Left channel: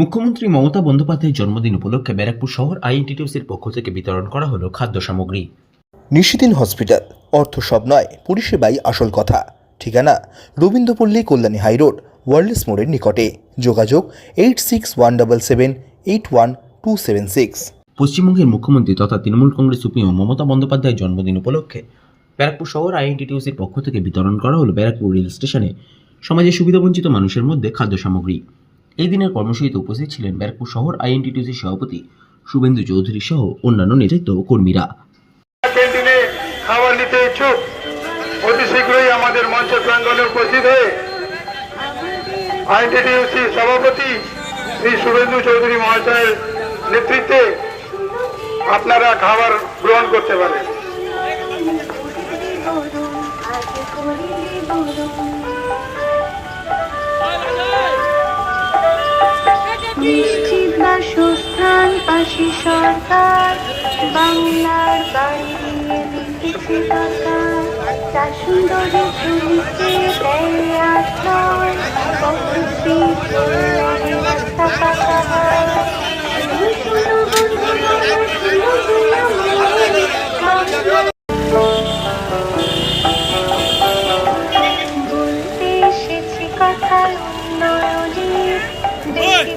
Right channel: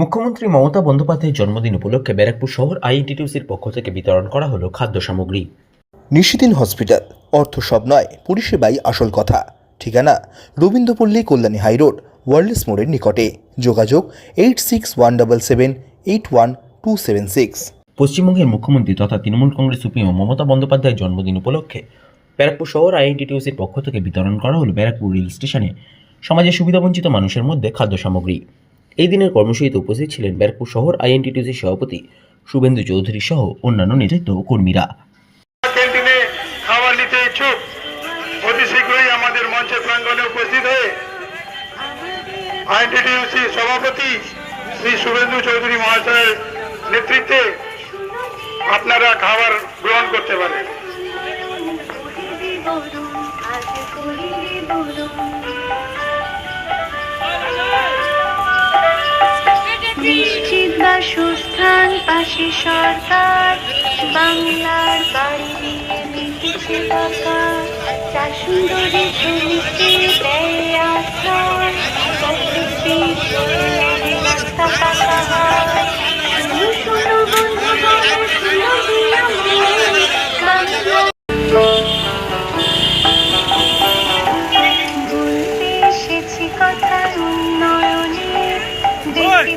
মুখ্যমন্ত্রী মমতা বন্দ্যোপাধ্যায়ের জন্মদিন উপলক্ষে ব্যারাকপুর শহর আইএনটিটিউসির পক্ষ থেকে বিতরণ করা হলো খাদ্য সামগ্রী। নিশিদিন হসপিটাল অর্থ সব নয় পরিষেবাই আসল কথা। ঠিকানা রবীন্দ্রপল্লী কল্যাণী হাইরোড ওয়ার্ল্ডস মোড়ের নিকটে। যোগাযোগ eight six one double seven eight one two seven six. পশ্চিমবঙ্গের মুখ্যমন্ত্রী তথা তৃণমূল কংগ্রেস সুপ্রিমো মমতা বন্দ্যোপাধ্যায়ের জন্মদিন উপলক্ষে ব্যারাকপুর শহর আইএনটিটিউসির পক্ষ থেকে বিতরণ করা হলো ব্যারাকপুর রেল স্টেশনে। সমাজের সুবিধাবঞ্চিত মানুষের মধ্যে খাদ্য সামগ্রী। এই দিনের কর্মসূচিতে উপস্থিত ছিলেন ব্যারাকপুর শহর আইএনটিটিউসির সভাপতি শুভেন্দু চৌধুরী সহ অন্যান্য নেতৃত্ব কর্মীরা। ক্যান্টিনে খাবার নিতে ইচ্ছুক অতি শীঘ্রই আমাদের মঞ্চ প্রাঙ্গনে উপস্থিত হয়ে আইনটিডিউসি সভাপতি শ্রী শুভেন্দু চৌধুরী মহাশয়ের নেতৃত্বে আপনারা খাবার গ্রহণ করতে পারেন। নিশ্চিত সুস্থান পাশে সরকার। বাংলার বাড়ি দিয়ে লিখেছে বাবা তার সুন্দরী দেয়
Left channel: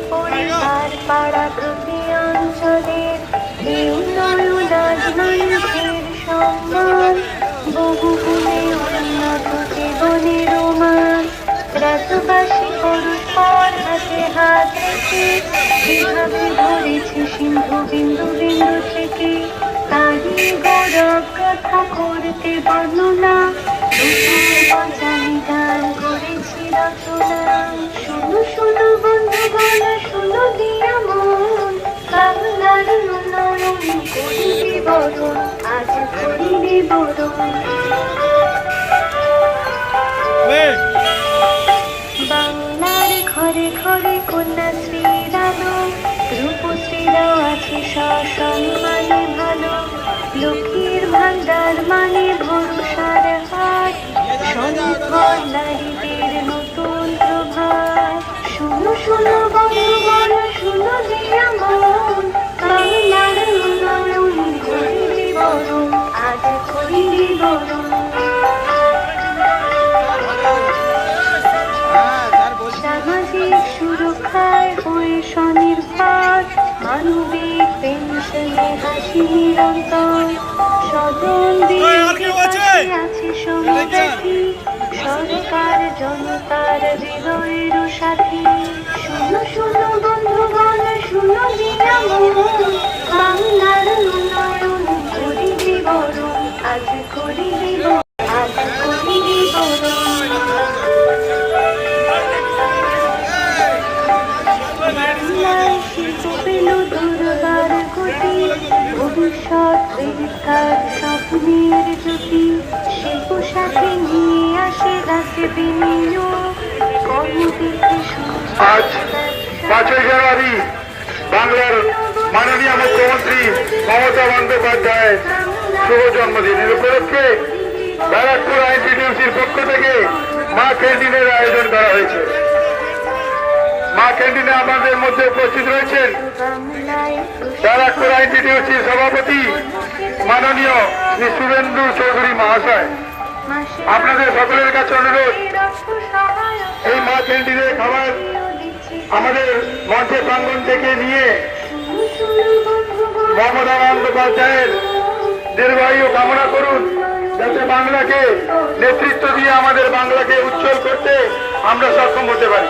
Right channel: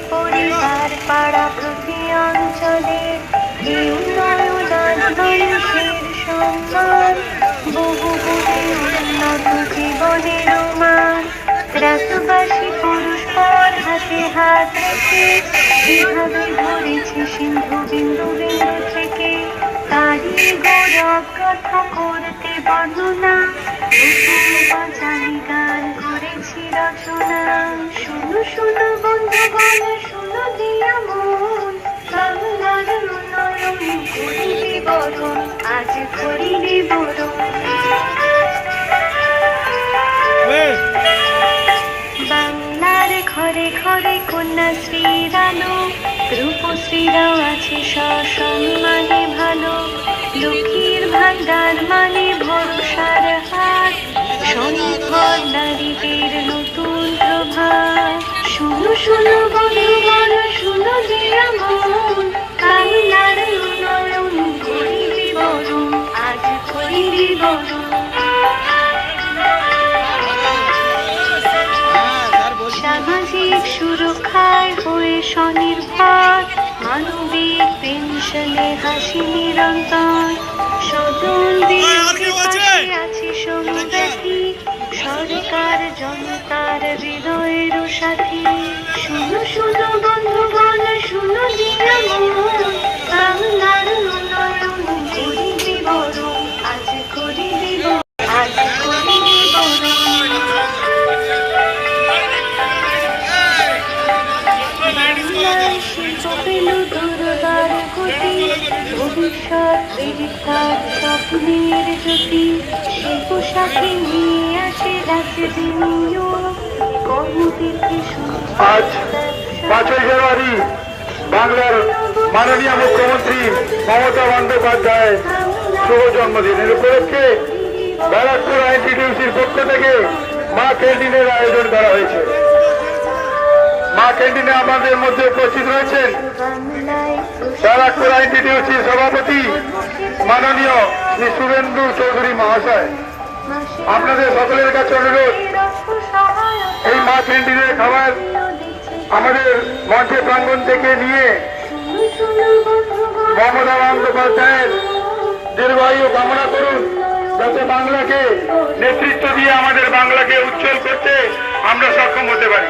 পরিবার পাড়া অঞ্চলে উন্নয়ন আজ মানুষের সম্মান। বহু উন্নত জীবনের রোমান রাতবাসী পরস্পর হাতে হাত যেভাবে ধরেছে সিন্ধু বিন্দু বিন্দু আছে সসম্মানে ভালো। লক্ষ্মীর ভান্ডার মানে ভরসার হাত সম্পদ নারীদের নতুন প্রভাত শুনো শুনো শুনো দিয়া হাসি নিরন্তর স্বজনদের পাশে আছে। সমব্যথী সরকার জনতার হৃদয়ের সাথী। শুনো শুনো বন্ধুগণ শুনো দিয়া ভবিষ্যৎ স্বপ্নের জ্যোতি। সাথে নিয়ে আসে কর্মবিধি আজ পাঁচই জানুয়ারি বাংলার মাননীয় মুখ্যমন্ত্রী মমতা বন্দ্যোপাধ্যায়ের শুভ জন্মদিন। এর উপলক্ষে ব্যারাকপুর আইনটিটিউসির পক্ষ থেকে মা ক্যান্টিনের আয়োজন করা হয়েছে। মা ক্যান্টিনে আমাদের মধ্যে উপস্থিত রয়েছেন। ব্যারাকপুর আইনটিটিউসির সভাপতি মাননীয় শ্রী শুভেন্দু চৌধুরী মহাশয়। আপনাদের সকলের কাছে অনুরোধ, এই মা ক্যান্টিনের খাবার আমাদের মঞ্চে প্রাঙ্গন থেকে নিয়ে মমতা বন্দ্যোপাধ্যায়ের দীর্ঘায়ু কামনা করুন। যাতে বাংলাকে নেতৃত্ব দিয়ে আমাদের বাংলাকে উজ্জ্বল করতে আমরা সক্ষম হতে পারি।